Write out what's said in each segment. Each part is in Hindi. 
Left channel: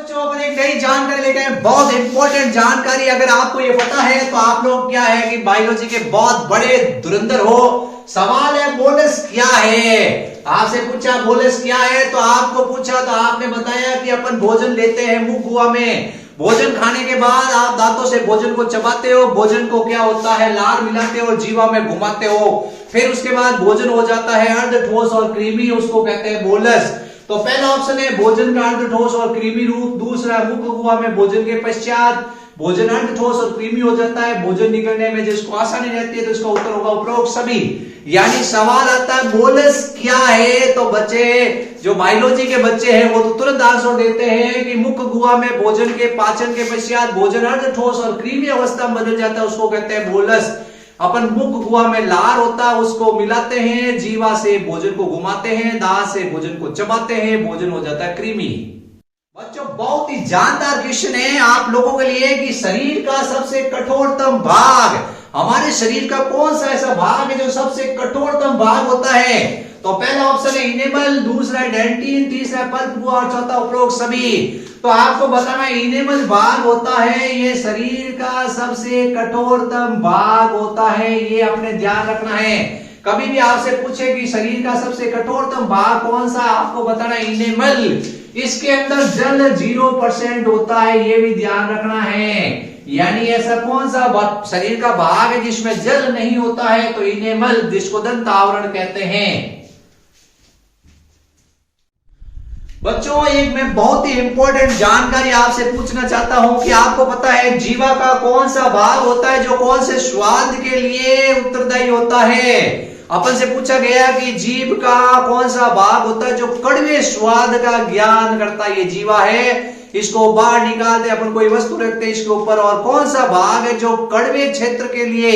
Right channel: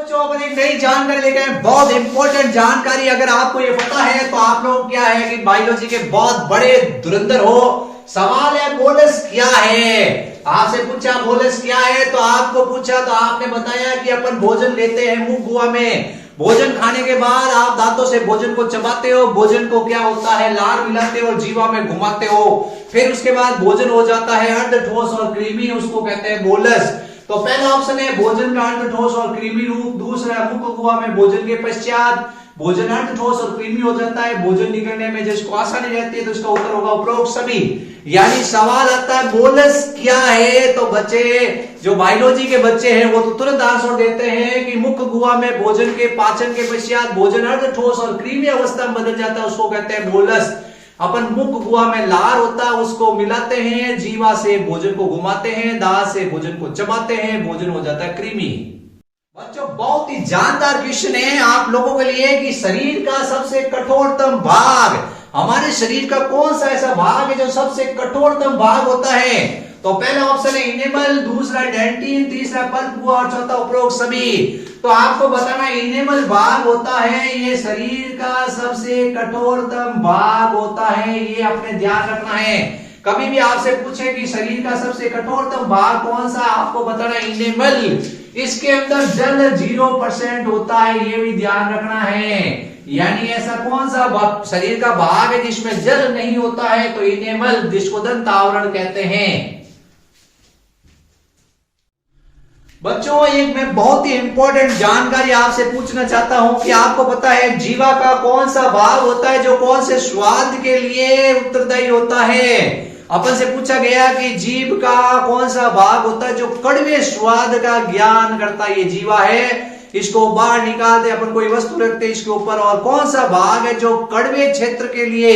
बच्चों अपन एक नई जानकारी लेके आए, बहुत इंपॉर्टेंट जानकारी। अगर आपको ये पता है तो आप लोग क्या है कि बायोलॉजी के बहुत बड़े धुरंधर हो। सवाल है बोलस क्या है। आपसे पूछा बोलस क्या है तो आपको पूछा तो आपने बताया कि अपन भोजन लेते हैं मुंह गुहा में। भोजन खाने के बाद आप दांतों से भोजन को चबाते हो, भोजन को क्या होता है लार मिलाते हो, जीवा में घुमाते हो। फिर उसके बाद भोजन हो जाता है अर्ध ठोस और क्रीमी, उसको कहते हैं बोलस। तो पहला ऑप्शन है भोजन का अर्ध ठोस और क्रीमी रूप। दूसरा मुख गुहा में भोजन के पश्चात भोजन अर्ध ठोस और क्रीमी हो जाता है, भोजन निकलने में जिसको आसानी रहती है, तो इसका उत्तर होगा उपरोक्त सभी। यानी सवाल आता है बोलस क्या है, तो बच्चे जो बायोलॉजी के बच्चे हैं वो तो तुरंत आंसर देते हैं कि मुख गुहा में भोजन के पाचन के पश्चात भोजन अर्ध ठोस और क्रीमी अवस्था में बदल जाता है, उसको कहते हैं बोलस। अपन मुख गुहा में लार होता है उसको मिलाते हैं, जीवा से भोजन को घुमाते हैं, दांत से भोजन को चबाते हैं, भोजन हो जाता है क्रीमी। बच्चों बहुत ही जानदार क्वेश्चन है आप लोगों के लिए कि शरीर का सबसे कठोरतम भाग, हमारे शरीर का कौन सा ऐसा भाग है जो सबसे कठोरतम भाग होता है। तो पहला ऑप्शन है इनेमल, दूसरा डेंटिन, तीसरा पल्प गुहा और चौथा उपरोक्त सभी। तो आपको बताना इनेमल भाग होता है ये शरीर का सबसे कठोरतम भाग होता है, ये अपने ध्यान रखना है। कभी भी आपसे पूछे कि शरीर का सबसे कठोरतम भाग कौन सा, आपको बताना इनेमल। इसके अंदर जल 0% होता है, ये भी ध्यान रखना है। यानी ऐसा कौन सा शरीर का भाग है जिसमें जल नहीं होता है, तो इनेमल, जिसको दंत आवरण कहते हैं। बच्चों एक मैं बहुत ही इंपॉर्टेंट जानकारी आपसे पूछना चाहता हूं कि आपको पता है जीवा का कौन सा भाग होता है जो कौन से स्वाद के लिए उत्तरदायी होता है। अपन से पूछा गया कि जीभ का कौन सा भाग होता है जो कड़वे स्वाद का ज्ञान करता है, ये जीवा है। इसको बाहर निकालते अपन कोई वस्तु रखते हैं इसके ऊपर, और कौन सा भाग है जो कड़वे क्षेत्र के लिए,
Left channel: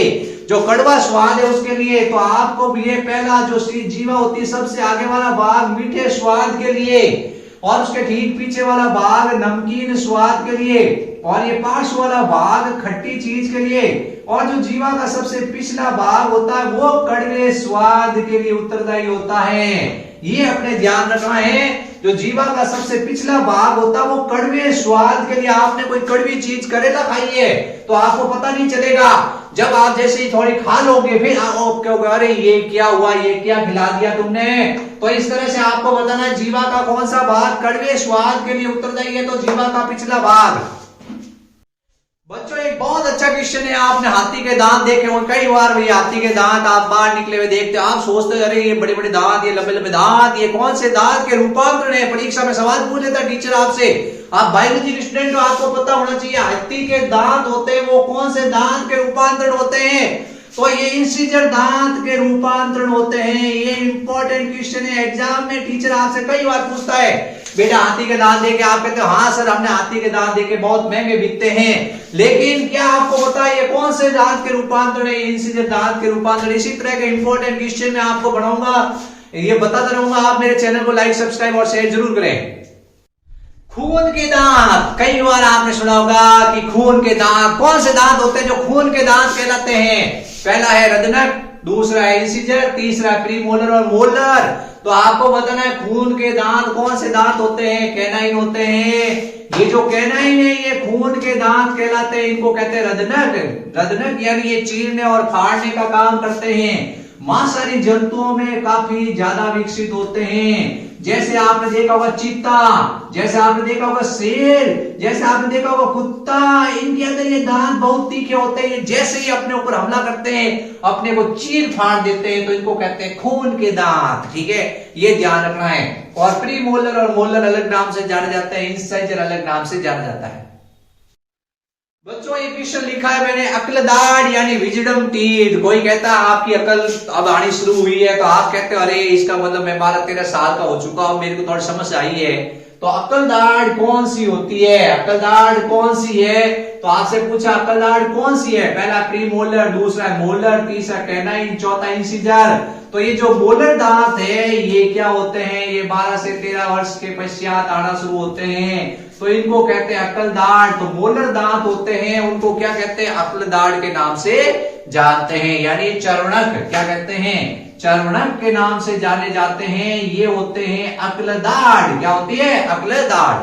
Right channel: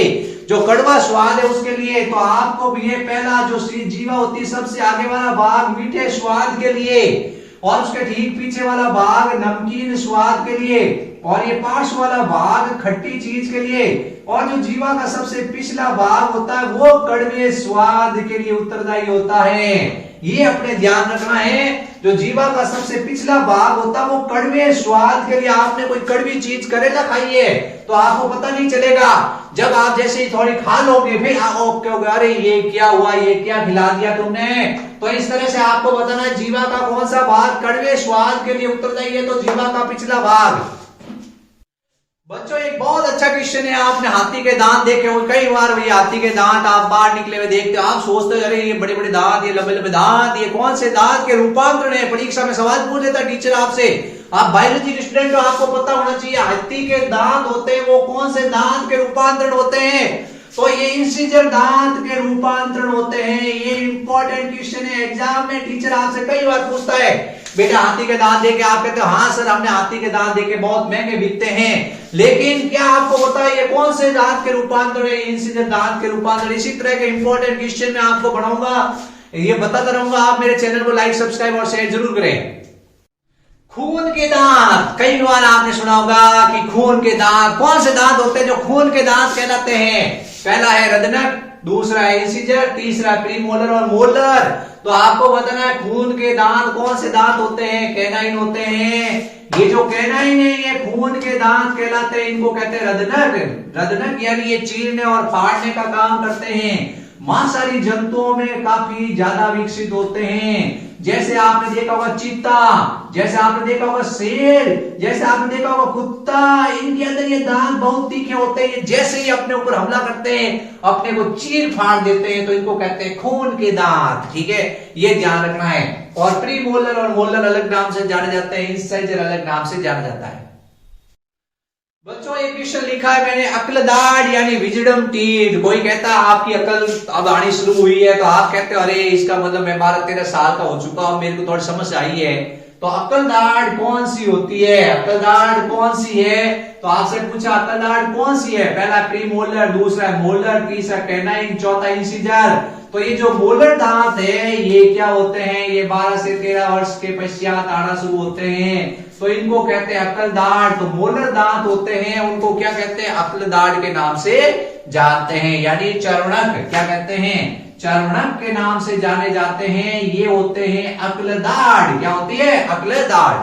जो कड़वा स्वाद है उसके लिए। तो आपको भी ये पहला जो जीवा होती है सबसे आगे वाला भाग मीठे स्वाद के लिए, और उसके ठीक पीछे वाला भाग नमकीन स्वाद के लिए, और ये पार्श्व वाला भाग खट्टी चीज के लिए, और जो जीवा का सबसे पिछला भाग होता है वो कड़वे स्वाद के लिए उत्तरदायी होता है। ये अपने ध्यान रखना है, जो जीवा का सबसे पिछला भाग होता है वो कड़वे स्वाद के लिए। आपने कोई कड़वी चीज करेला खाई है तो आपको पता नहीं चलेगा, जब आप जैसे ही थोड़ी खा लोगे फिर आप कहोगे अरे ये क्या हुआ, ये क्या खिला दिया तुमने। तो इस तरह से आपको बताना है जीवा का कौन सा भाग कड़वे स्वाद के लिए उत्तरदायी है, तो जीवा का पिछला भाग। बच्चों एक बहुत अच्छा क्वेश्चन है, आपने हाथी के दांत देखे हो कई बार, भाई हाथी के दांत आप बाहर निकले हुए देखते हो, आप सोचते हो अरे ये बड़े बड़े दांत, ये लंबे लंबे दांत, ये कौन से दांत के रूपांतरण है। परीक्षा में सवाल पूछ लेता टीचर आपसे, आप बायोलॉजी के स्टूडेंट हो, आपको पता होना चाहिए हाथी के दांत होते हैं वो कौन से दांत के रूपांतरण होते हैं। तो ये इंसिजर दांत के रूपांतरण होते हैं। ये इंपॉर्टेंट क्वेश्चन है, एग्जाम में टीचर आपसे कई बार पूछता है बेटा हाथी के दांत देखे, आप कहते हो हाँ सर हमने हाथी के दांत देखे, बहुत महंगे बिकते हैं, लेकिन क्या आपको पता है ये कौन से दांत के रूपांतरण है, इंसिजर दांत के रूपांतरण। इसी तरह के इंपॉर्टेंट क्वेश्चन मैं आपको बनाऊंगा, ये बताता रहूंगा। आप मेरे चैनल को लाइक सब्सक्राइब और शेयर जरूर करें। खून के दांत, कई बार आपने सुना होगा कि खून के दांत, कौन से दांत होते हैं जो खून के दांत कहलाते हैं। पहला है रदनक, दूसरा है इंसिजर, तीसरा प्रीमोलर और मोलर। तो आपको बताना है खून के दांत कौन से दांत होते हैं, कैनाइन होते हैं। ये जो कैनाइन है ये खून के दांत कहलाते हैं, इनको कहते हैं रदनक। रदनक यानी ये चीरने और फाड़ने का काम करते हैं, मांसाहारी जंतुओं में काफी ज्यादा विकसित होते हैं। जैसे आपने देखा होगा चीता, जैसे आपने देखा होगा शेर, जैसे आपने देखा होगा कुत्ता, इनके अंदर ये दांत बहुत तीखे होते हैं, जैसे ही अपने ऊपर हमला करते हैं अपने को चीर फाड़ देते हैं, तो इनको कहते हैं खून के दांत। ठीक है, ये ध्यान रखना है। और प्री मोलर और मोलर अलग नाम से जाने जाते हैं, इंसाइजर अलग नाम से जाना जाता है। बच्चों एक क्वेश्चन लिखा है मैंने, अक्ल दाढ़ यानी विजडम टीथ। कोई कहता है आपकी अकल अब आनी शुरू हुई है, तो आप कहते हो अरे इसका मतलब मैं 12-13 साल का हो चुका हूं, मेरे को थोड़ी समझ आई है। तो अक्ल दाढ़ कौन सी होती है, अक्ल दाढ़ कौन सी है। तो आपसे पूछा अक्ल दाढ़ कौन सी है, पहला प्रीमोलर, दूसरा मोलर, तीसरा कैनाइन, चौथा इंसिजर। तो ये जो मोलर दांत है ये क्या होते हैं, ये 12 से 13 वर्ष के पश्चात आना शुरू होते हैं, तो इनको कहते हैं अक्ल दाढ़। तो मोलर दांत होते हैं उनको क्या कहते हैं, अक्ल दाढ़ के नाम से जानते हैं, यानी चर्वणक, क्या कहते हैं, चर्वणक के नाम से जाने जाते हैं। ये होते हैं अक्ल दाढ़, क्या होती है, अक्ल दाढ़।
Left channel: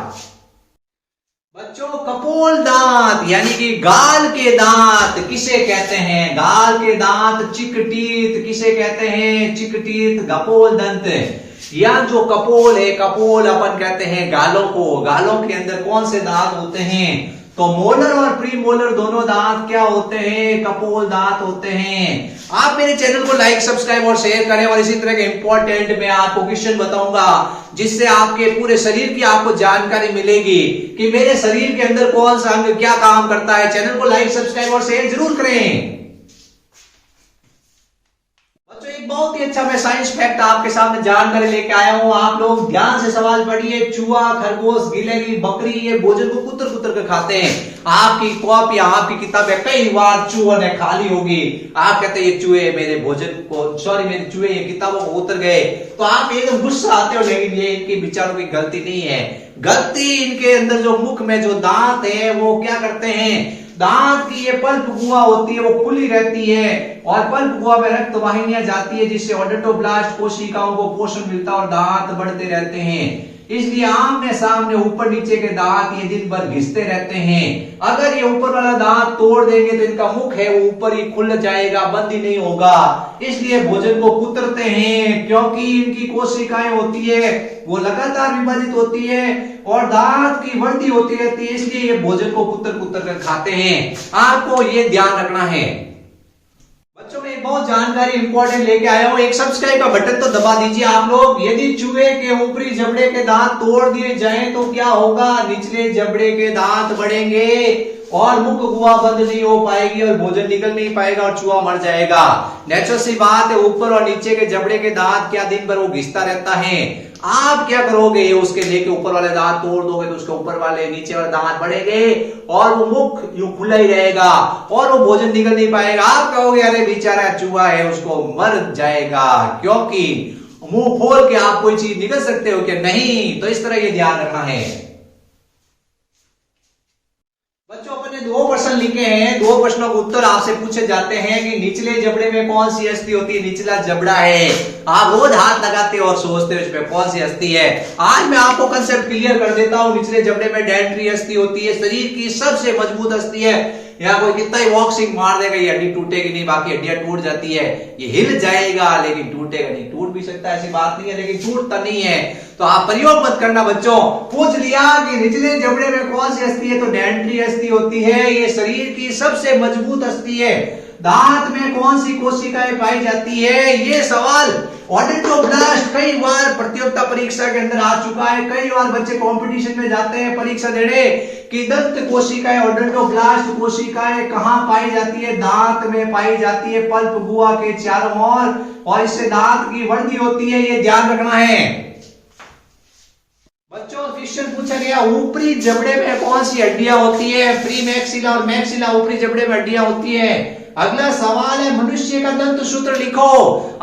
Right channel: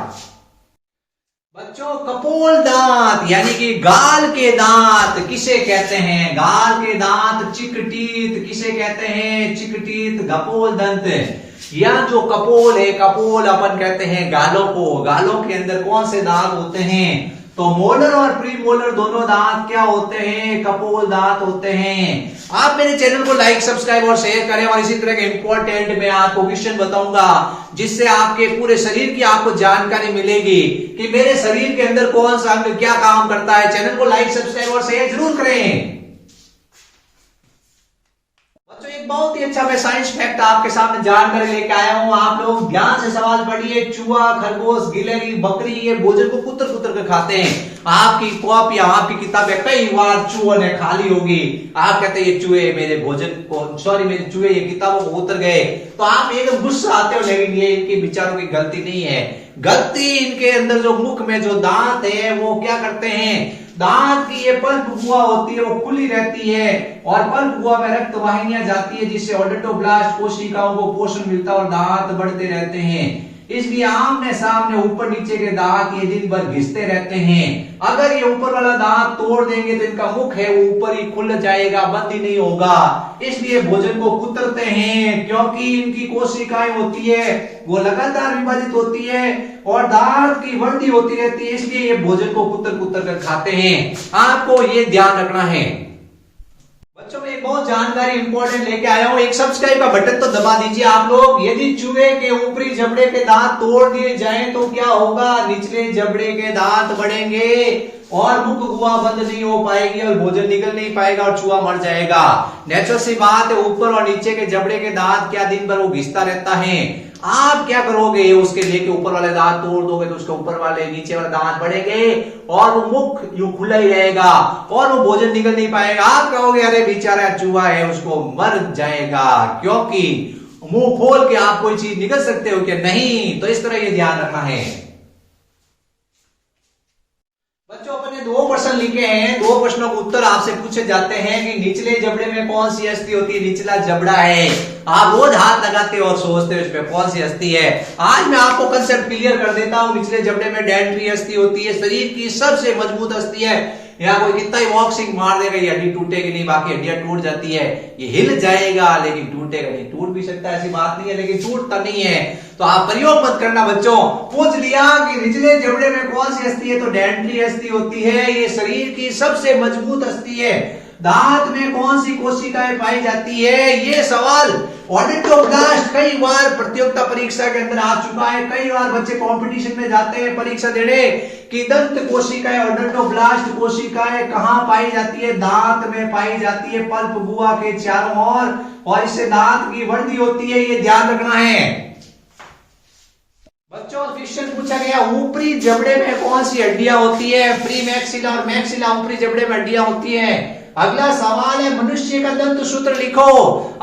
बच्चों कपोल दांत यानी कि गाल के दांत किसे कहते हैं? गाल के दांत चिकटीत किसे कहते हैं? चिकटीत कपोल दंत। या जो कपोल है, कपोल अपन कहते हैं गालों को। गालों के अंदर कौन से दांत होते हैं? तो मोलर और प्री मोलर दोनों दांत क्या होते हैं? कपोल दांत होते हैं। आप मेरे चैनल को लाइक, सब्सक्राइब और शेयर करें। और इसी तरह के इंपॉर्टेंट मैं आपको क्वेश्चन बताऊंगा जिससे आपके पूरे शरीर की आपको जानकारी मिलेगी कि मेरे शरीर के अंदर कौन सा अंग क्या काम करता है। चैनल को लाइक, सब्सक्राइब और शेयर जरूर करें। एक बहुत ही अच्छा मैं साइंस फैक्ट आपके सामने जानकारी लेके आया हूं। आप लोग ध्यान से सवाल पढ़िए। चूहा, खरगोश, गिलहरी, बकरी ये भोजन को कुतर कुतर कर खाते हैं। आपकी कॉपी या आपकी किताबें कई बार चूहों ने खाली होगी। आप कहते हैं ये चूहे मेरे भोजन को, सॉरी मेरे चूहे ये किताबों को उतर गए, तो आप एकदम गुस्सा आते हो। लेकिन ये इनके विचारों की गलती नहीं है। गलती इनके अंदर जो मुख में जो दांत है वो क्या करते हैं? दांत की ये पल्प गुहा होती है वो खुली रहती है और पल्प गुहा में रक्त वाहिनियां जाती है जिससे ओडोटोब्लास्ट कोशिकाओं को पोषण मिलता है और दांत बढ़ते रहते हैं। इसलिए आमने सामने ऊपर नीचे के दांत ये दिन भर घिसते रहते हैं। अगर ये ऊपर वाला दांत तोड़ देंगे तो इनका मुख है वो ऊपर ही खुल जाएगा, बंद ही नहीं होगा। इसलिए भोजन को कुतरते हैं क्योंकि इनकी कोशिकाएं होती है वो लगातार विभाजित होती है और दांत की वृद्धि होती रहती है। इसलिए ये भोजन को कुतर कुतर कर खाते हैं। आपको ये ध्यान रखना है। बच्चों में एक बहुत जानकारी इंपॉर्टेंट लेके आया हूं। एक सब्सक्राइब का बटन तो दबा दीजिए आप लोग। यदि चूहे के ऊपरी जबड़े के दांत तोड़ दिए जाएं तो क्या होगा? निचले जबड़े के दांत बढ़ेंगे और मुख गुहा बंद नहीं हो पाएगी और भोजन निकल नहीं पाएगा और चूहा मर जाएगा। नेचुरल सी बात है। ऊपर और नीचे के जबड़े के दांत क्या दिन भर वो घिसता रहता है। आप क्या करोगे? उसके लेके ऊपर वाले दांत तोड़ दोगे तो उसके ऊपर वाले नीचे वाले दांत बढ़ेंगे और वो मुख यूं खुला ही रहेगा और वो भोजन निकल नहीं पाएगा। आप कहोगे अरे बेचारा चूहा है उसको मर जाएगा, क्योंकि मुंह खोल के आप कोई चीज निकल सकते हो कि नहीं। तो इस तरह ये ध्यान रखना है। बच्चों अपने 2 प्रश्न लिखे हैं। 2 प्रश्नों के उत्तर आपसे पूछे जाते हैं कि निचले जबड़े में कौन सी अस्थि होती है? निचला जबड़ा है। आप रोज हाथ लगाते हो और सोचते हो इसमें कौन सी अस्थि है। आज मैं आपको कंसेप्ट क्लियर कर देता हूं। निचले जबड़े में डेंट्री अस्थि होती है, शरीर की सबसे मजबूत अस्थि है। यहाँ कोई कितना ही बॉक्सिंग मार देगा ये हड्डी टूटेगी नहीं, बाकी हड्डियां टूट जाती है। ये हिल जाएगा लेकिन टूटेगा नहीं। टूट भी सकता है ऐसी बात नहीं है, लेकिन टूटता नहीं है। तो आप प्रयोग मत करना बच्चों। पूछ लिया कि निचले जबड़े में कौन सी अस्थि है तो डेंट्री अस्थि होती है। ये शरीर की सबसे मजबूत अस्थि है। दांत में कौन सी कोशिकाएं पाई जाती है? ये सवाल ओडोटोब्लास्ट कई बार प्रतियोगिता परीक्षा के अंदर आ चुका है। कई बार बच्चे कंपटीशन में जाते हैं परीक्षा देने कि दंत कोशिकाएं, ओडोटोब्लास्ट कोशिकाएं कहां पाई जाती है? दांत में पाई जाती है, पल्प गुहा के चारों ओर, और इससे दांत की वृद्धि होती है। ये ध्यान रखना है। बच्चों क्वेश्चन पूछा गया ऊपरी जबड़े में कौन सी हड्डियां होती है? प्री मैक्सिला और मैक्सिला ऊपरी जबड़े में हड्डियां होती है। अगला सवाल है मनुष्य का दंत सूत्र लिखो।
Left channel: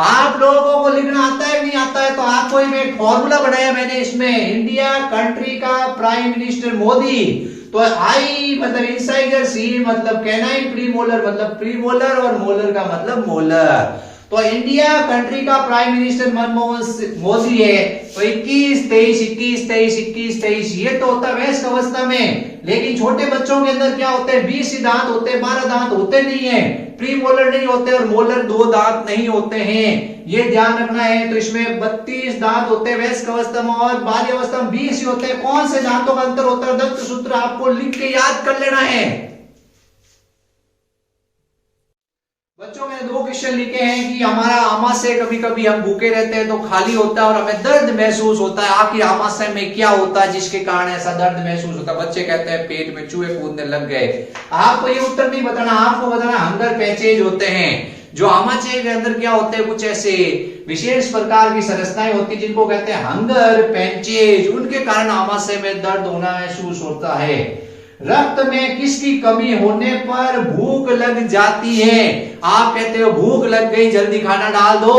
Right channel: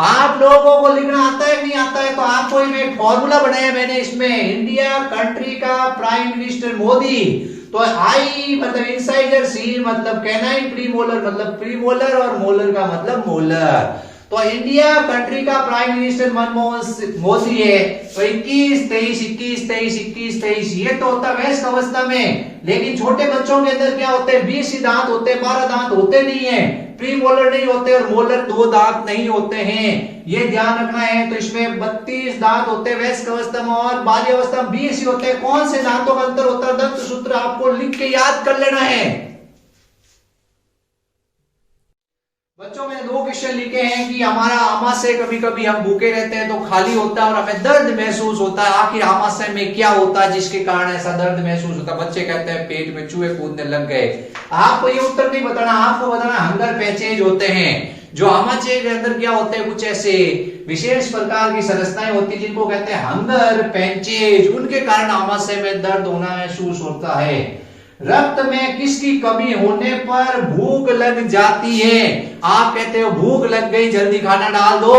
आप लोगों को लिखना आता है नहीं आता है? तो आपको ही मैं एक फॉर्मूला बनाया मैंने इसमें। इंडिया कंट्री का प्राइम मिनिस्टर मोदी। तो आई मतलब इंसाइडर, सी मतलब कैनाइन, प्री मोलर मतलब प्री मोलर और मोलर का मतलब मोलर। तो इंडिया कंट्री का प्राइम मिनिस्टर मनमोहन मोदी है। तो 21, 23, 21, 23, 21, 23 ये तो होता है वयस्क अवस्था में। लेकिन छोटे बच्चों के अंदर क्या होते हैं? 20 ही दांत होते हैं, 12 दांत होते नहीं है। प्री मोलर नहीं होते और मोलर 2 दांत नहीं होते हैं। ये ध्यान रखना है। तो इसमें 32 दांत होते हैं वयस्क अवस्था में और बाल्य अवस्था में 20 ही होते हैं। कौन से दांतों का अंतर होता है? दंत सूत्र आपको लिख के याद कर लेना है। बच्चों में 2 क्वेश्चन लिखे हैं कि हमारा आमाशय कभी कभी हम भूखे रहते हैं तो खाली होता है और हमें दर्द महसूस होता है। आखिर आमाशय में क्या होता है जिसके कारण ऐसा दर्द महसूस होता है? बच्चे कहते हैं पेट में चूहे कूदने लग गए। आपको ये उत्तर नहीं बताना, आपको बताना हंगर पैचेज होते हैं। जो आमाशय के अंदर क्या होते हैं? कुछ ऐसे विशेष प्रकार की संरचनाएं होती है जिनको कहते हैं हंगर पैचेज। उनके कारण आमाशय में दर्द होना महसूस होता है। रक्त में किसकी कमी होने पर भूख लग जाती है? आप कहते हो भूख लग गई जल्दी खाना डाल दो,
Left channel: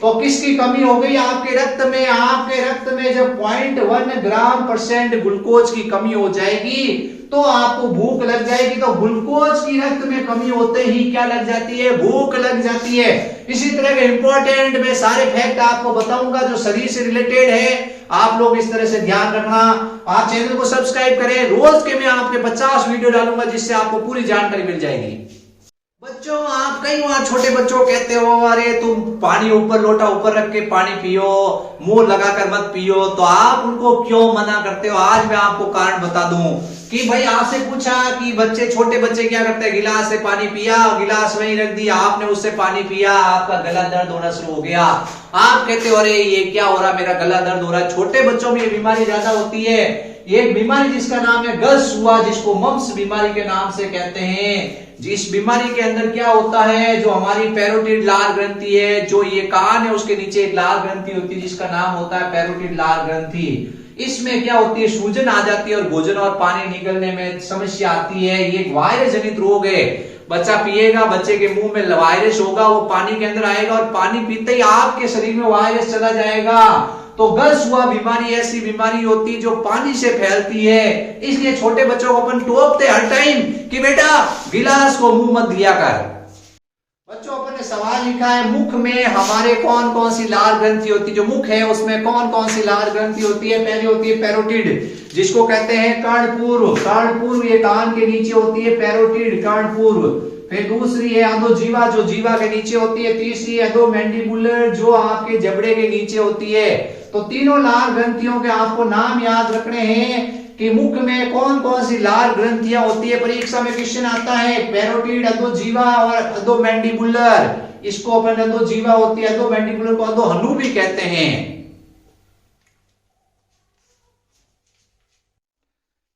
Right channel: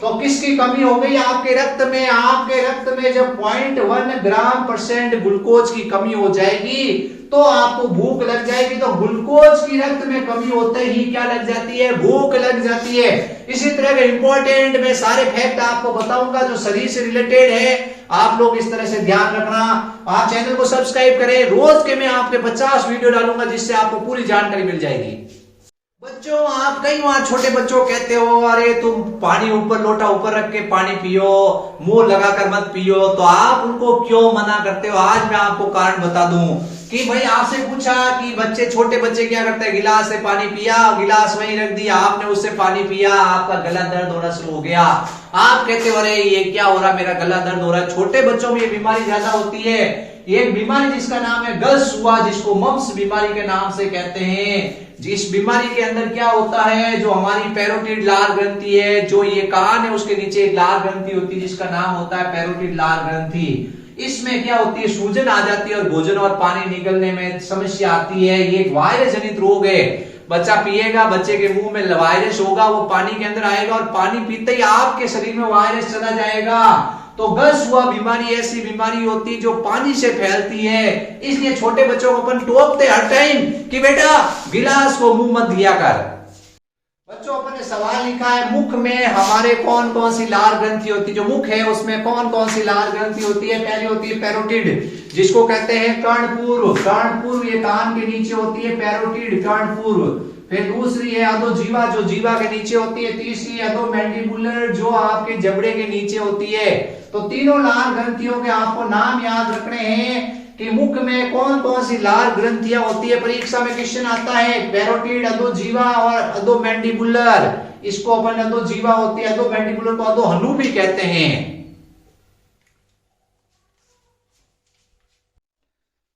तो किसकी कमी हो गई आपके रक्त में? आपके रक्त में जब 0.1 ग्राम % ग्लूकोज की कमी हो जाएगी तो आपको भूख लग जाएगी। तो ग्लूकोज की रक्त में कमी होते ही क्या लग जाती है? भूख लग जाती है। इसी तरह के इंपॉर्टेंट मैं सारे फैक्ट आपको बताऊंगा जो शरीर से रिलेटेड है, आप लोग इस तरह से ध्यान रखना। आप चैनल को सब्सक्राइब करें, रोज के मैं आपके 50 वीडियो डालूंगा जिससे आपको पूरी जानकारी मिल जाएगी। बच्चों, आप कई बार छोटे बच्चों को कहते हो अरे तुम पानी ऊपर, लोटा ऊपर रख के पानी पियो, मुंह लगाकर मत पियो, तो आप उनको क्यों मना करते हो? आज मैं आपको कारण बता दूं कि भाई आपसे पूछा कि बच्चे, छोटे बच्चे क्या करते हैं? गिलास से पानी पिया, गिलास वहीं रख दिया, आपने उससे पानी पिया, आपका गला दर्द होना शुरू हो गया। आप कहते हो अरे ये क्या हो रहा, मेरा गला दर्द हो रहा है। छोटे बच्चों में ये बीमारी ज्यादा होती है। एक बीमारी जिसका नाम है गल्स हुआ, जिसको मम्स बीमारी के नाम से कहते हैं। जिस बीमारी के अंदर क्या होता है, जो हमारी पैरोटिड लाल ग्रंथि है, जो ये कान है उसके नीचे एक लाल ग्रंथि होती है जिसका नाम होता है पैरोटिड लाल ग्रंथि। इसमें क्या होती है? सूजन आ जाती है और भोजन और पानी निकलने में समस्या आती है। ये एक वायरस जनित रोग है। बच्चा पिएगा, बच्चे के मुंह में वायरस होगा, वो पानी के अंदर आएगा और पानी पीते ही आपके शरीर में वायरस चला जाएगा। तो गल्स हुआ बीमारी ऐसी बीमारी होती है जो पानी से फैलती है। इसलिए छोटे बच्चों को अपन टोकते हर टाइम कि बेटा गिलास को मुंह मत दिया कर। बच्चों, अपन ने सवाल लिखा है मुख में हमारे कौन कौन सी लाल ग्रंथि होती है? जो मुख है उसमें कौन कौन सी लाल ग्रंथि होती है? पहली होती है पैरोटिड, जिसको कहते हैं कर्णपूर्व। कर्णपूर्व ये कान के नीचे होती है, पैरोटिड कर्णपूर्व। फिर दूसरी है अधोजीवा, जो जीवा के नीचे होती है। तीसरी है अधोमैंडिबुलर, जो आपके जबड़े के नीचे होती है। तो तीनों लाल ग्रंथियों के आपको नाम याद रखने हैं कि मुख में कौन कौन सी लाल ग्रंथियां होती है। परीक्षा में क्वेश्चन आता है पैरोटिड, अधोजीवा और अधोमैंडिबुलर। इसको अपन अधोजीवा होती है, अधोमैंडिबुलर को अधोहनु भी कहते हैं।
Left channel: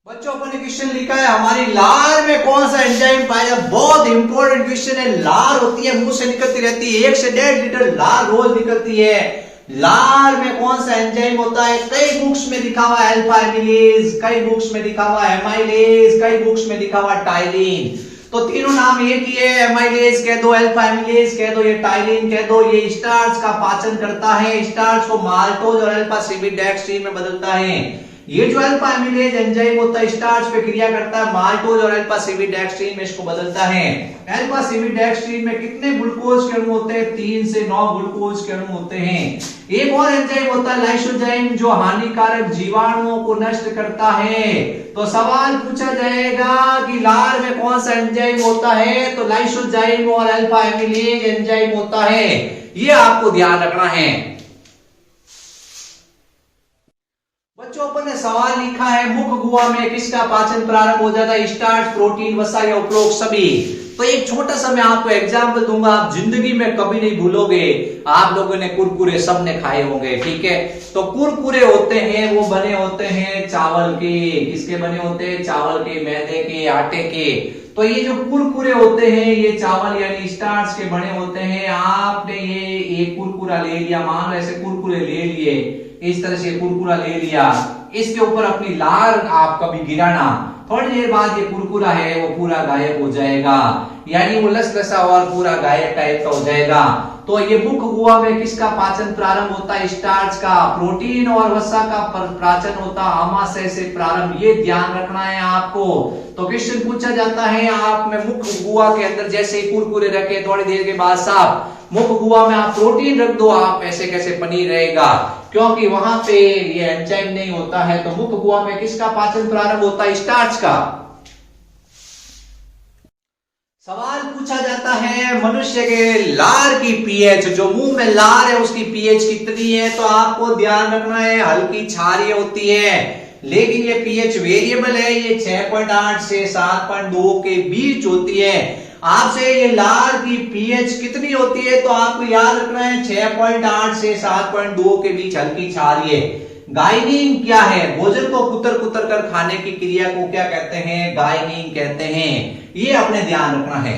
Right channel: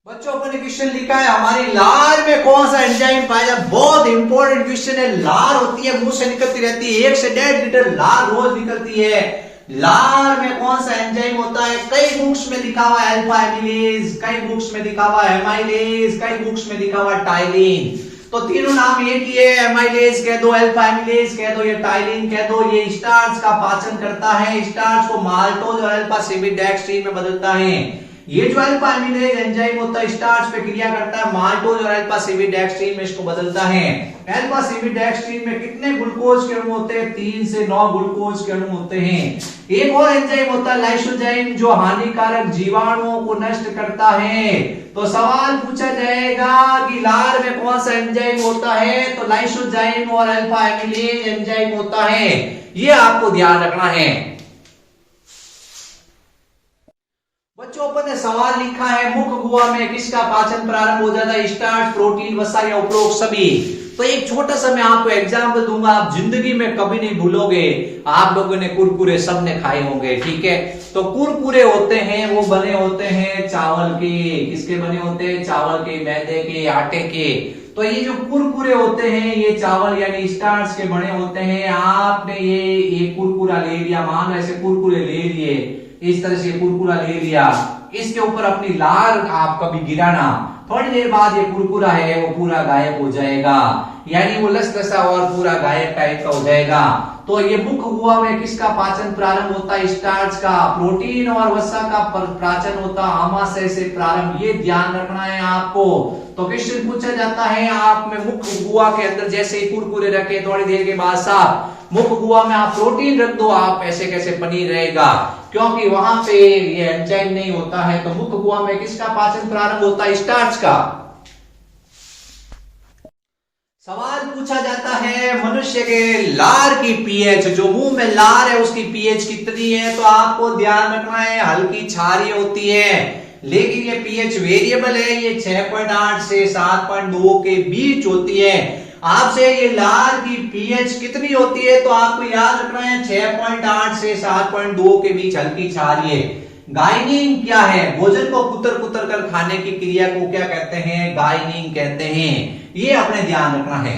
बच्चों, अपन ने क्वेश्चन लिखा है हमारी लार में कौन सा एंजाइम पाया जाता है? बहुत इंपॉर्टेंट क्वेश्चन है। लार होती है, मुंह से निकलती रहती है, 1 से 1.5 लीटर लार रोज निकलती है। लार में कौन सा एंजाइम होता है? कई बुक्स में लिखा हुआ है अल्फा एमिलेज, कई बुक्स में लिखा हुआ है एमाइलेज, कई बुक्स में लिखा हुआ है टाइलिन। तो तीनों नाम एक ही है, एमाइलेज कह दो, अल्फा एमिलेज कह दो, ये टाइलिन कह दो। ये स्टार्च का पाचन करता है, स्टार्च को माल्टोज और अल्फा सिमिडेक्स्ट्रीन में बदलता है। ये जो अल्फा एमिलेज एंजाइम होता है स्टार्च पे क्रिया करता है, माल्टोज और अल्फा सिमिडेक्स्ट्रीन में इसको बदलता है। अल्फा सिमिडेक्स्ट्रीन में कितने ग्लूकोज के अणु होते हैं? 3 से 9 ग्लूकोज के अणु होते हैं। एक और एंजाइम होता है लाइसोजाइम, जो हानिकारक जीवाणुओं को नष्ट करता है। तो सवाल पूछा जाएगा कि लार में कौन सा एंजाइम होता है? तो लाइसोजाइम और अल्फा एमिलेज एंजाइम होता है। ये आपको ध्यान रखना है। बच्चों, अपन ने सवाल लिखा है मुख गुहा में किसका पाचन प्रारंभ हो जाता है? स्टार्च, प्रोटीन, वसा या उपरोक्त सभी। तो एक छोटा सा मैं आपको एग्जाम्पल दूंगा, आप जिंदगी में कभी नहीं भूलोगे। आप लोगों ने कुरकुरे सबने खाए होंगे, ठीक है? तो कुरकुरे होते हैं, वो बने होते हैं चावल के। किसके बने होते हैं? चावल के, मैदे के, आटे के। तो ये जो कुरकुरे होते हैं ये चावल यानी स्टार्च के बने होते हैं। आपने ये एक कुरकुरा ले लिया, मान लो ऐसे कुरकुरे ले लिए, इस तरह से कुरकुरा ले लिया, इसके ऊपर अपनी लार आप कभी गिराना, थोड़ी देर बाद ये कुरकुरा है वो पूरा गायब हो जाएगा, यानी वो लसलसा और पूरा गायब टाइप का हो जाएगा। तो ये मुख गुहा में किसका पाचन प्रारंभ होता है? स्टार्च का। प्रोटीन और वसा का पाचन होता है आमाशय से प्रारंभ। ये ध्यान रखना है आपको। तो क्वेश्चन पूछा जाता है आप में मुख गुहा के अंदर जैसे ही कुरकुरे रखे, थोड़ी देर के बाद साफ मुख गुहा में आप प्रोटीन रख दो, आप ऐसे कैसे पनीर रहेगा? क्योंकि वहां पे ये एंजाइम नहीं होता है। तो मुख गुहा में किसका पाचन प्रारंभ होता है? स्टार्च का। सवाल पूछा जाता है मनुष्य के लार की पीएच, जो मुंह में लार है उसकी पीएच कितनी है? तो आपको ध्यान रखना है हल्की क्षारीय होती है, लेकिन ये पीएच वेरिएबल है। ये 6.8 से 7.2 के बीच होती है। आपसे ये लार की पीएच कितनी होती है? तो आपको याद रखना है 6.8 से 7.2 के बीच हल्की क्षारीय। गाइनिंग क्या है? भोजन को कुतर कुतर कर खाने की क्रिया को क्या कहते हैं? गाइनिंग कहते हैं। ये अपने ध्यान रखना है।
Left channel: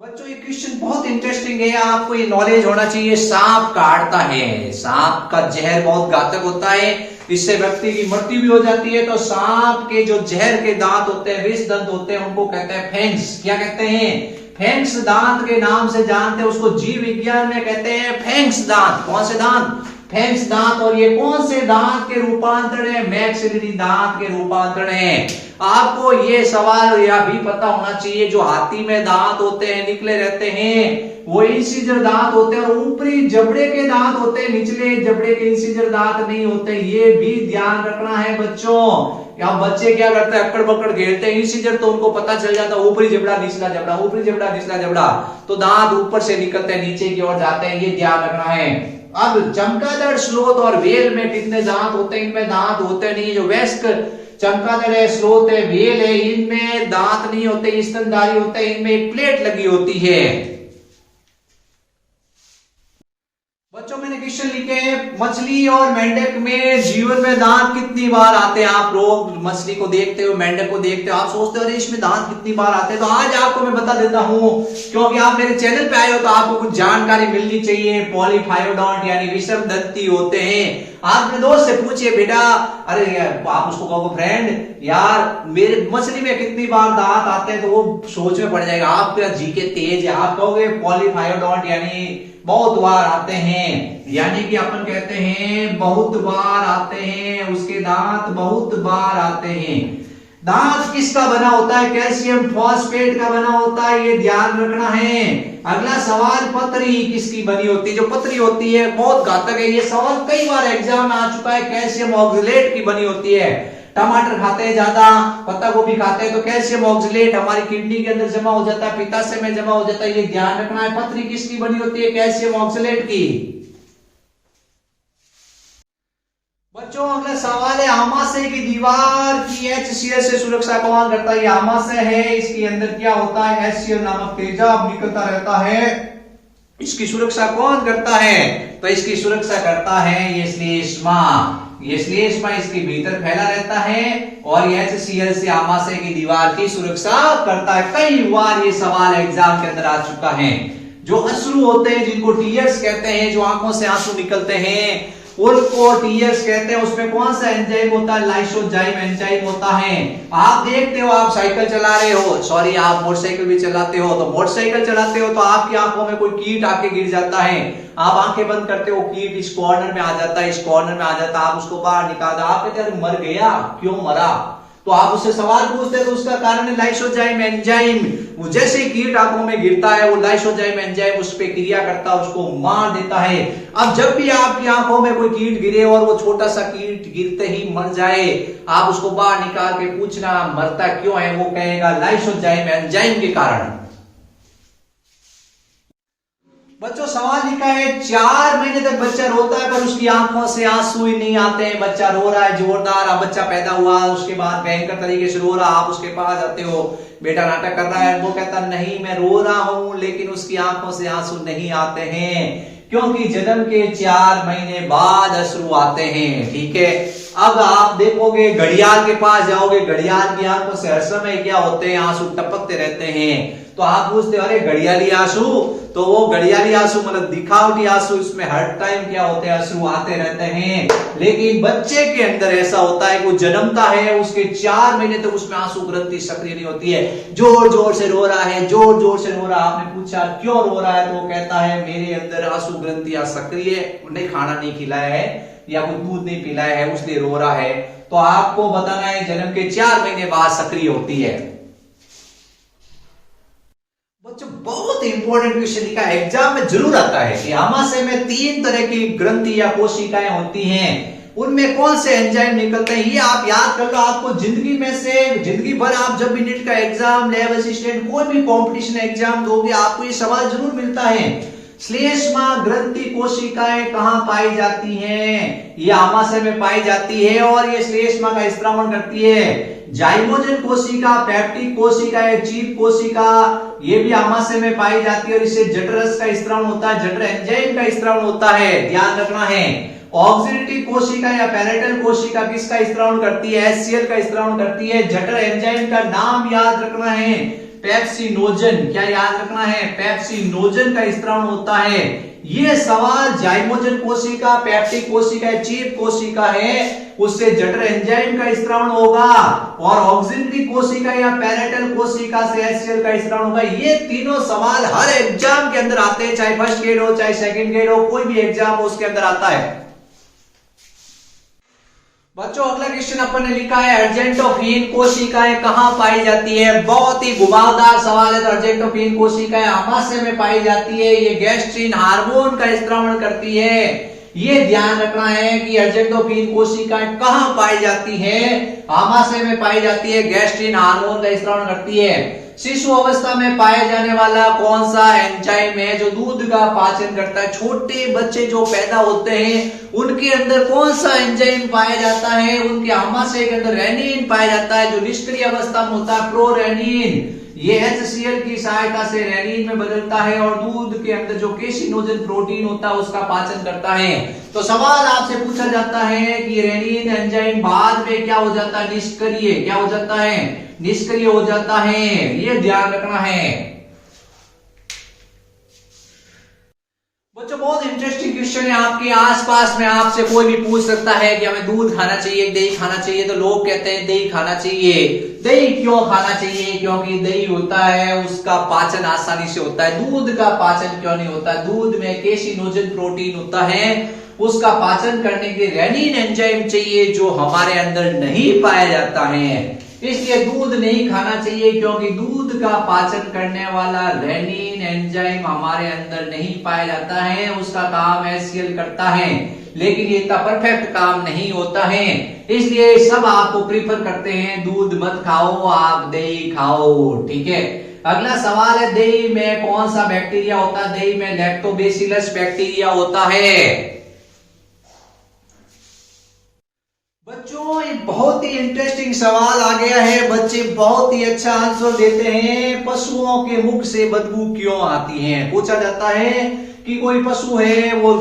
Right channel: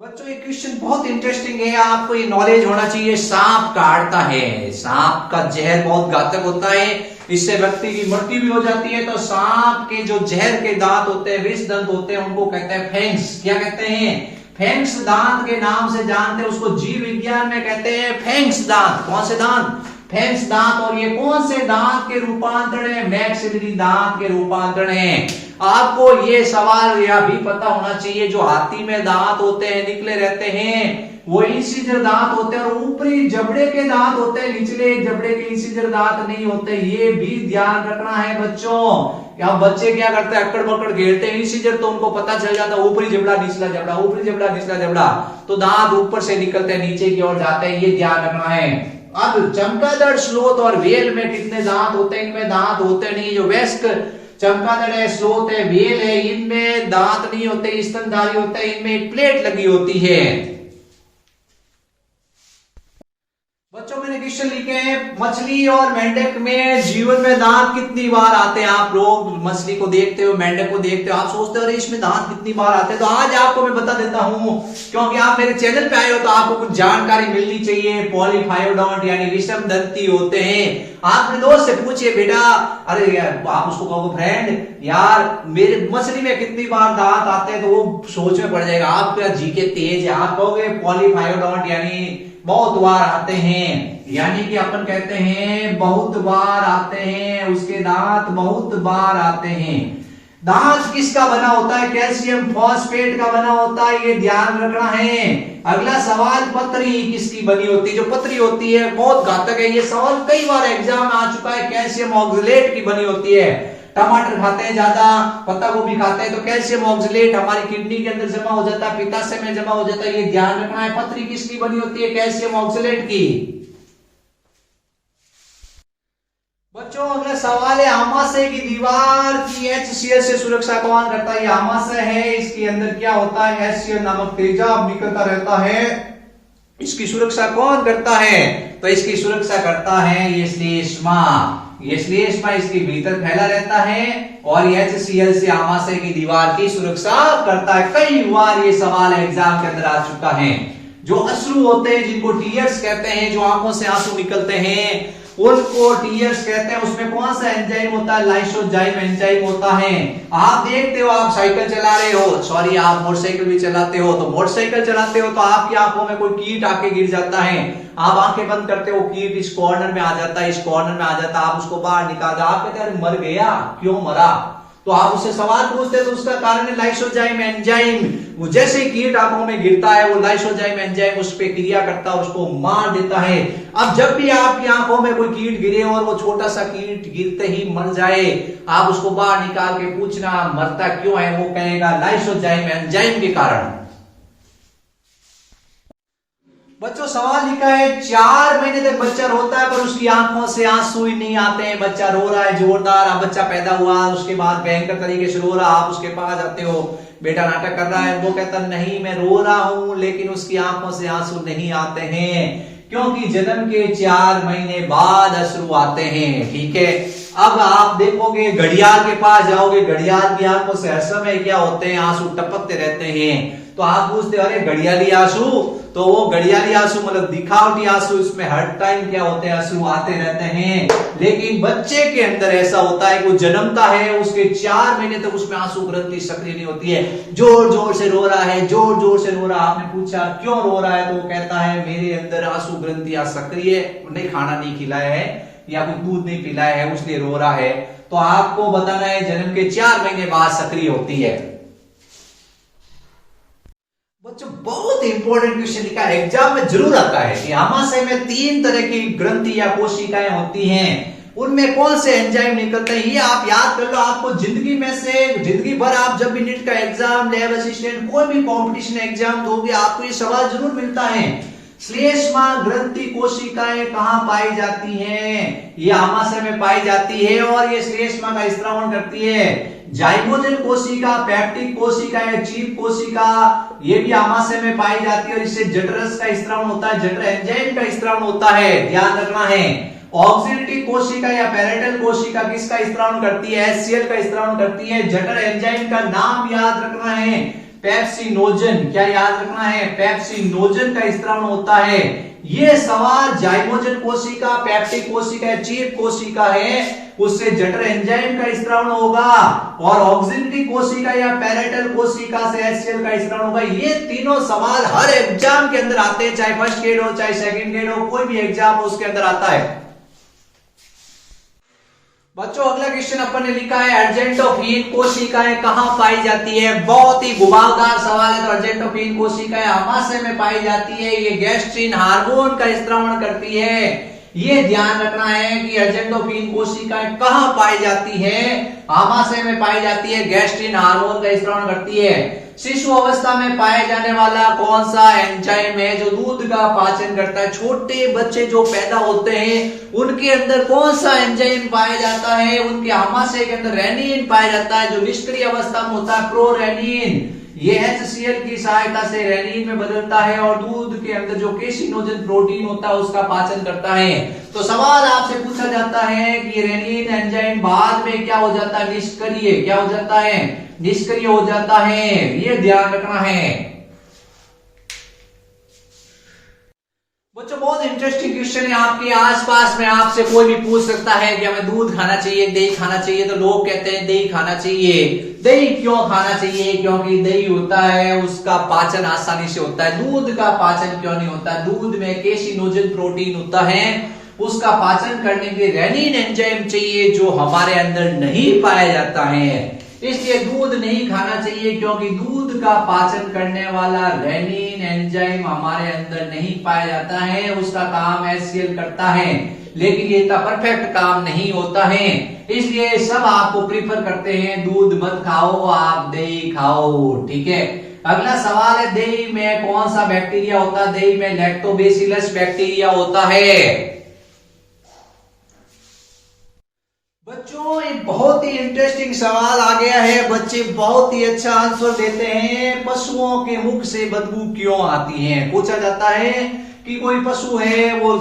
बच्चों, ये क्वेश्चन बहुत इंटरेस्टिंग है, आपको ये नॉलेज होना चाहिए। सांप काटता है, सांप का जहर बहुत घातक होता है। इससे व्यक्ति की मृत्यु भी हो जाती है। तो सांप के जो जहर के दांत होते हैं, विष दंत होते हैं, उनको कहते हैं फैंक्स। क्या कहते हैं? फैंक्स दांत के नाम से जानते हैं उसको। जीव विज्ञान में कहते हैं फैंक्स दांत। कौन से दांत? फैंक्स दांत। और ये कौन से दांत के रूपांतरण है? मैक्सिलरी दांत के रूपांतरण है। आपको ये सवाल यह भी पता होना चाहिए, जो हाथी में दांत होते हैं निकले रहते हैं, वो इंसिजर दांत होते हैं, और ऊपरी जबड़े के दांत होते हैं, निचले जबड़े के इंसिजर दांत नहीं होते। ये भी ध्यान रखना है बच्चों। अब बच्चे क्या करते हैं? अक्कड़ बक्कड़ घेरते हैं। इंसिजर तो उनको पता चल जाता है, ऊपरी जबड़ा निचला जबड़ा, ऊपरी जबड़ा निचला जबड़ा, तो दांत ऊपर से निकलते हैं, नीचे की ओर जाते हैं। ये ध्यान रखना है। अब चमगादड़, स्लोथ और व्हेल में कितने दांत होते हैं? इनमें दांत होते नहीं। जो वयस्क चमगादड़ है, स्लोथ है, व्हेल है, इनमें दांत नहीं होते, स्तनधारी होते हैं, इनमें एक प्लेट लगी होती है। बच्चों मैंने क्वेश्चन लिखे हैं, मछली और मेंढक में जीवन में दांत कितनी बार आते हैं? आप लोग मछली को देखते हो, मेंढक को देखते हो, आप सोचते हो अरे इसमें दांत कितनी बार आते हैं। तो आज आपको मैं बता देता हूं, क्योंकि आप मेरे चैनल पे आए हो तो आपको कुछ जानकारी मिलनी चाहिए। पॉलीफायोडोंट यानी विषम दंती होते हैं। आप अपने दोस्त से पूछिए बेटा, अरे यार, आप उसको कहोगे फ्रेंड यार मेरे मछली में कितनी बार दांत आते हैं, तो वो सोच में पड़ जाएगा। आपका जीके तेज है, आप कहोगे पॉलीफायोडोंट यानी बहुत बार आते हैं, यानी कि अपन कहते हैं बहुत बार आते हैं, उसके दांत बहुत बार आते हैं। दांत किसका बना होता है? कैल्शियम फॉस्फेट का बना होता है, ये ध्यान रखना है। अगला सवाल, पतरी किसकी बनी होती है? जो पतरी होती है बहुत घातक है, ये सवाल कई बार एग्जाम में आ चुका है। कैल्शियम ऑक्सलेट की बनी होती है। टमाटर खाते हैं ज्यादा, पत्ता गोभी खाते हैं, तो कैल्शियम ऑक्सलेट हमारी किडनी के अंदर जमा हो जाता है, पित्ताशय में जमा हो जाता है, ये ध्यान रखना है। पतरी किसकी बनी होती है? कैल्शियम ऑक्सलेट की। बच्चों अगला सवाल है, आमाशय की दीवार की HCl से सुरक्षा कौन करता है? ये आमाशय है, इसके अंदर क्या होता है? HCl नामक तेजाब निकलता रहता है। इसकी सुरक्षा कौन करता है? तो इसकी सुरक्षा करता है ये श्लेष्मा। ये श्लेष्मा इसके भीतर फैला रहता है और ये HCl से आमाशय की दीवार की सुरक्षा करता है। कई बार ये सवाल एग्जाम के अंदर आ चुका है। जो अश्रु होते हैं, जिनको टीयर्स कहते हैं, जो आंखों से आंसू निकलते हैं, उनको टीयर्स कहते हैं। उसमें कौन सा एंजाइम होता है? लाइसोजाइम एंजाइम होता है। आप देखते हो, आप साइकिल चला रहे हो, सॉरी आप मोटरसाइकिल भी चलाते हो, तो मोटरसाइकिल चलाते हो तो आपकी आंखों में कोई कीट आके गिर जाता है, आप आंखें बंद करते हो, कीट इस कॉर्नर में आ जाता है, इस कॉर्नर में आ जाता है, आप उसको बाहर निकाल दो, आप कहते हैं मर गया, क्यों मरा? तो आप उससे सवाल पूछते हैं, तो उसका कारण है लाइसोजाइम एंजाइम। वो जैसे ही कीट आंखों में गिरता है, वो लाइसोजाइम एंजाइम उस पर क्रिया करता है, उसको मार देता है। अब जब भी आपकी आंखों में कोई कीट गिरे और वो छोटा सा कीट गिरते ही मर जाए, आप उसको बाहर निकाल के पूछना मरता क्यों है, वो कहेगा लाइसोजाइम एंजाइम के कारण। बच्चों सवाल लिखा है, 4 महीने तक बच्चा रोता है पर उसकी आंखों से आंसू ही नहीं आते हैं। बच्चा रो रहा है जोरदार, अब बच्चा पैदा हुआ, उसके बाद भयंकर तरीके से रो रहा, आप उसके पास जाते हो, बेटा नाटक कर रहा है, वो कहता नहीं मैं रो रहा हूं, लेकिन उसकी आंखों से आंसू नहीं आते हैं, क्योंकि जन्म के 4 महीने बाद अश्रु आते हैं। ठीक है, अब आप देखोगे घड़ियाल के पास जाओगे, घड़ियाल की आंखों से हर समय क्या होते हैं? आंसू टपकते रहते हैं। तो आप पूछते अरे घड़ियाली आंसू, तो वो घड़ियाली आंसू मतलब दिखावटी आंसू, इसमें हर टाइम क्या होते हैं? आंसू आते रहते हैं। लेकिन बच्चे के अंदर ऐसा होता है, वो जन्मता है, उसके 4 महीने तक उसमें आंसू ग्रंथि सक्रिय नहीं होती है, जोर जोर से रो रहा है, जोर जोर से रो रहा है। आपने पूछा क्यों रो रहा है, तो वो कहता है मेरे अंदर आंसू ग्रंथियां सक्रिय नहीं, खाना नहीं खिलाया है या कोई दूध नहीं पिलाया है, उसलिए रो रहा है। तो आपको बताना है जन्म के 4 महीने बाद सक्रिय होती है। बच्चों बहुत इंपॉर्टेंट क्वेश्चन लिखा है, एग्जाम में जरूर आता है कि आमाशय में 3 तरह की ग्रंथि या कोशिकाएं होती हैं, उनमें कौन से एंजाइम निकलते हैं, ये आप याद कर लो। आपको जिंदगी में से जिंदगी भर आप जब भी नीट का एग्जाम, लैब असिस्टेंट, कोई भी कंपटीशन एग्जाम दोगे, आपको ये सवाल जरूर मिलता है। श्लेष्मा ग्रंथि कोशिकाएं कहां पाई जाती हैं? ये आमाशय में पाई जाती है और ये श्लेष्मा का स्त्रावण करती है। जाइगोजन कोशिका, पेप्टिक कोशिका, चीप कोशिका, ये भी आमाशय में पाई जाती है और इससे जठरस का स्त्रावण होता है, जठर एंजाइम का स्त्रावण होता है, ध्यान रखना है। ऑक्सीडेटिव कोशिका या पैरेटल कोशिका किसका स्त्रावण करती है? HCl का स्त्रावण करती है। जठर एंजाइम का नाम याद रखना है, पेप्सिनोजन। क्या याद रखना है? पेप्सिनोजन का स्त्रावण होता है। ये सवाल जाइमोजन कोशिका, पेप्टिक कोशिका, चीफ कोशिका है, उससे जठर एंजाइम का स्त्रावण होगा, और ऑक्सिनरी कोशिका या पैरेटल कोशिका से HCl का स्त्रावण होगा। ये तीनों सवाल हर एग्जाम के अंदर आते हैं, चाहे फर्स्ट ग्रेड हो चाहे सेकंड ग्रेड हो, कोई भी एग्जाम हो उसके अंदर आता है। बच्चों अगला क्वेश्चन अपन ने लिखा है अर्जेंटोफिन कोशिकाएं कहां पाई जाती है। बहुत ही घुमावदार सवाल है। तो अर्जेंटोफिन कोशिकाएं आमाशय में पाई जाती है। ये गैस्ट्रिन हार्मोन का स्त्रावण करती है। ये ध्यान रखना है कि अर्जेंटोफिन कोशिकाएं कहां पाई जाती है, आमाशय में पाई जाती है, गैस्ट्रिन हार्मोन का स्त्रावण करती है। शिशु अवस्था में पाया जाने वाला कौन सा एंजाइम है जो दूध का पाचन करता है। छोटे बच्चे जो पैदा होते हैं उनके अंदर कौन सा एंजाइम पाया जाता है, उनके आमाशय के अंदर रेनिन पाया जाता है, जो निष्क्रिय अवस्था में होता है प्रोरेनिन। ये HCl की सहायता से रेनिन में बदलता है और दूध के अंदर जो केसिनोजन प्रोटीन होता है उसका पाचन करता है। तो सवाल आपसे पूछा जाता है कि रेनिन एंजाइम बाद में क्या हो जाता है, निष्क्रिय क्या हो जाता है, निष्क्रिय हो जाता है। ये ध्यान रखना है। बच्चों बहुत इंटरेस्टिंग क्वेश्चन है। आपके आसपास में आपसे कोई भी पूछ सकता है कि हमें दूध खाना चाहिए, दही खाना चाहिए, तो लोग कहते हैं दही खाना चाहिए। दही क्यों खाना चाहिए? क्योंकि दही होता है उसका पाचन आसानी से होता है। दूध का पाचन क्यों नहीं होता? दूध में केसिनोजन प्रोटीन होता है, उसका पाचन करने के लिए रेनिन एंजाइम चाहिए जो हमारे अंदर नहीं पाया जाता है। इसलिए दूध नहीं खाना चाहिए क्योंकि दूध का पाचन करने वाला रेनिन एंजाइम हमारे अंदर नहीं पाया जाता है। उसका काम HCl करता है, लेकिन ये इतना परफेक्ट काम नहीं होता है। इसलिए सब आपको प्रीफर करते हैं दूध मत खाओ, आप दही खाओ। ठीक है, अगला सवाल है दही में कौन सा बैक्टीरिया होता है? दही में लैक्टोबैसिलस बैक्टीरिया होता है। बच्चों ये बहुत ही इंटरेस्टिंग सवाल आ गया है। बच्चे बहुत ही अच्छा आंसर देते हैं। पशुओं के मुख से बदबू क्यों आती है? पूछा जाता है कि कोई पशु है वो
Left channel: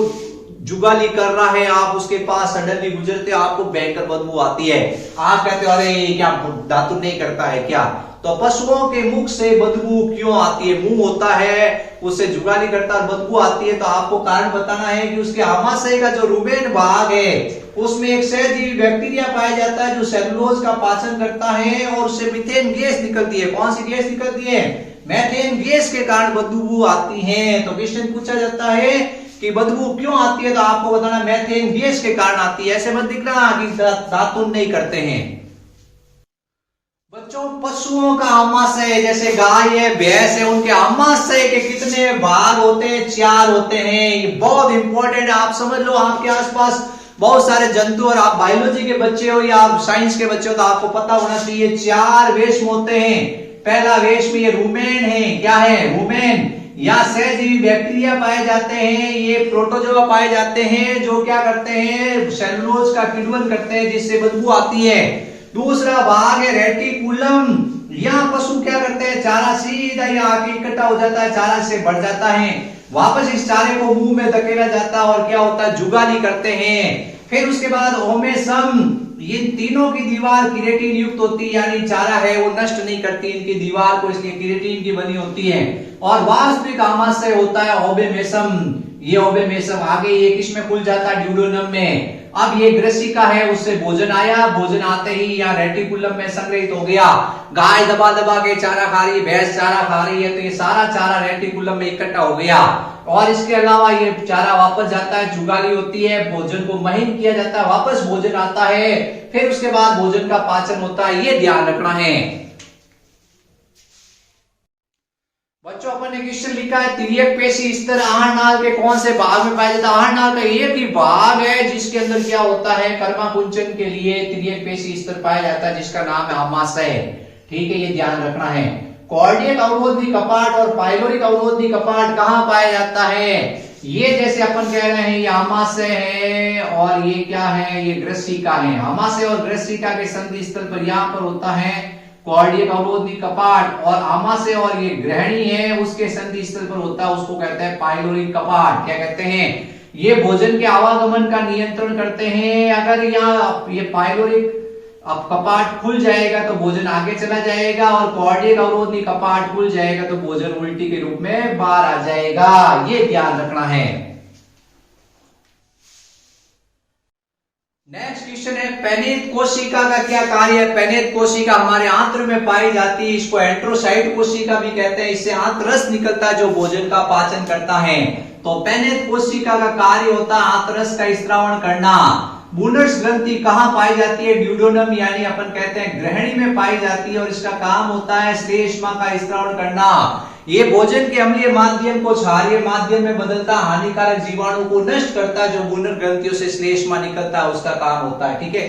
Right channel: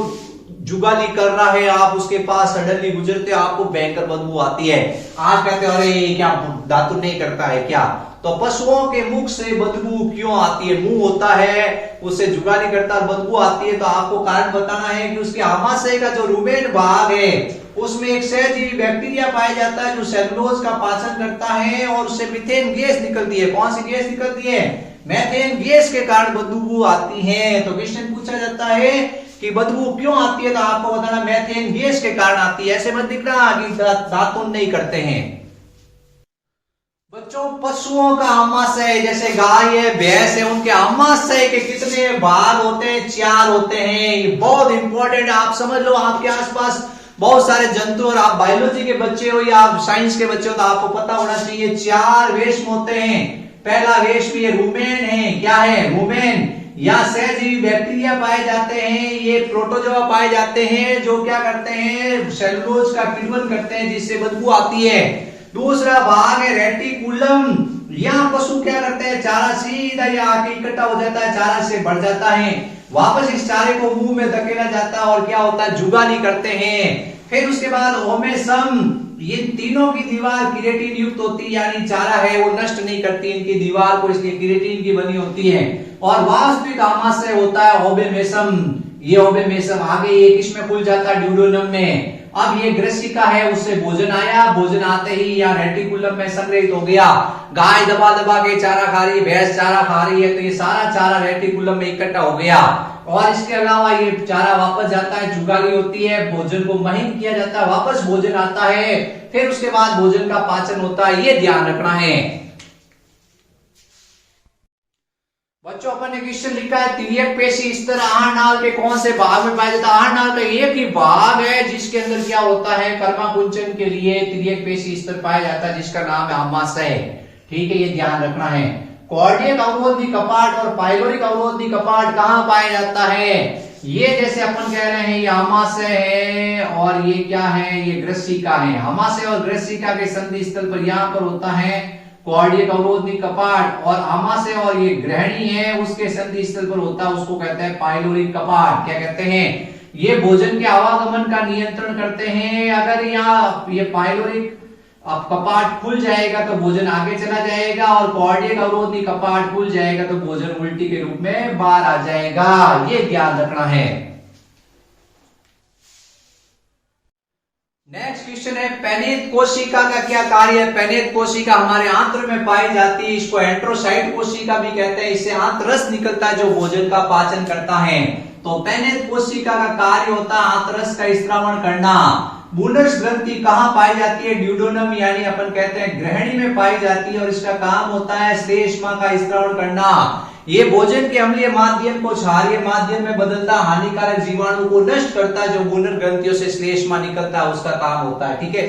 जुगाली कर रहा है, आप उसके पास सडनली गुजरते, आपको भयंकर बदबू आती है। आप कहते हो अरे क्या दातुन नहीं करता है क्या? तो पशुओं के मुख से बदबू क्यों आती है? मुंह होता है, उससे जुगाली करता है, बदबू आती है। तो आपको कारण बताना है कि उसके आमाशय का जो रुमेन भाग है उसमें एक सहजीवी बैक्टीरिया पाया जाता है जो सेलुलोज का पाचन करता है और उससे मीथेन गैस निकलती है। कौन सी गैस निकलती है? मीथेन गैस के कारण बदबू आती है। तो क्वेश्चन पूछा जाता है कि बदबू क्यों आती है, तो आपको बताना मीथेन गैस के कारण आती है। ऐसे मत दिखना कि दातुन नहीं करते हैं। बच्चों पशुओं का आमाशय, जैसे गाय है, भैंस है, उनके आमाशय के कितने भाग होते हैं? 4 होते हैं। ये बहुत इंपॉर्टेंट है, आप समझ लो। आपके आसपास बहुत सारे जंतु, और आप बायोलॉजी के बच्चे हो या आप साइंस के बच्चे हो तो आपको पता होना चाहिए 4 रेशम होते हैं। पहला रेशम ये रूमेन है। क्या है? रूमेन। या सहजीवी बैक्टीरिया पाए जाते हैं। ये प्रोटोजोआ पाए जाते हैं जो क्या करते हैं? सेलुलोज का किण्वन करते हैं जिससे बदबू आती है। दूसरा भाग है रेटिकुलम। यहाँ पशु क्या करते हैं? चारा सीधा यहाँ आके इकट्ठा हो जाता है, चारा से बढ़ जाता है, वापस इस चारे को मुंह में धकेला जाता है और क्या होता है? जुगाली करते हैं। फिर उसके बाद ओमेसम। ये तीनों की दीवार किरेटिन युक्त होती है, यानी चारा है वो नष्ट नहीं करती इनकी दीवार को, इसलिए किरेटिन की बनी होती है। और वास्तविक आमाशय होता है ओबेमेसम। ये ओबेमेसम आगे ये किसमें खुल जाता है? ड्यूडेनम में। अब ये ग्रसिका है, उससे भोजन आया, भोजन आते ही यहाँ रेटिकुलम में संग्रहित हो गया। गाय दबा दबा के चारा खा रही है, भैंस चारा खा रही है, तो ये सारा चारा रेटिकुलम में इकट्ठा हो गया। और इसके अलावा ये चारा वापस जाता है, जुगाली होती है, भोजन को महीन किया जाता है, वापस भोजन आता है, फिर उसके बाद भोजन का पाचन होता है। ये ध्यान रखना है। बच्चों अपन ने क्वेश्चन लिखा है तिर्यक पेशी स्तर आहारनाल के कौन से भाग में पाया जाता है? आहारनाल का एक ही भाग है जिसके अंदर क्या होता है? कर्माकुंचन के लिए तिर्यक पेशी स्तर पाया जाता है जिसका नाम है आमाशय। ठीक है, ये ध्यान रखना है। कॉर्डियक अवरोधी कपाट और पाइलोरिक अवरोधी कपाट कहाँ पाया जाता है? ये जैसे अपन कह रहे हैं ये आमाशय है और ये क्या है? ये ग्रसिका है। आमाशय और ग्रसिका के संधि स्थल पर यहाँ पर होता है कॉर्डियक अवरोधी कपाट, और आमाशय और ये ग्रहणी है उसके संधि स्थल पर होता है, उसको कहते हैं पाइलोरिक कपाट। क्या कहते हैं? ये भोजन के आवागमन का नियंत्रण करते हैं। अगर यहाँ ये पाइलोरिक अब कपाट खुल जाएगा तो भोजन आगे चला जाएगा, और कॉर्डियक अवरोधी कपाट खुल जाएगा तो भोजन उल्टी के रूप में बाहर आ जाएगा। ये ध्यान रखना है। नेक्स्ट क्वेश्चन है, पेनित कोशिका का क्या कार्य है? पेनित कोशिका हमारे आंत्र में पाई जाती है, इसको एंट्रोसाइट कोशिका भी कहते हैं। इससे आंतरस निकलता है जो भोजन का पाचन करता है। तो पेनित कोशिका का कार्य होता है आंतरस का स्त्रावण करना। बूनर्स ग्रंथि कहाँ पाई जाती है? ड्यूडोनम यानी अपन कहते हैं ग्रहणी में पाई जाती है, और इसका काम होता है श्लेष्मा का स्त्रावण करना। ये भोजन के अम्लीय माध्यम को क्षारीय माध्यम में बदलता, हानिकारक जीवाणु को नष्ट करता, जो बूनर ग्रंथियों से श्लेष्मा निकलता है उसका काम होता है। ठीक है।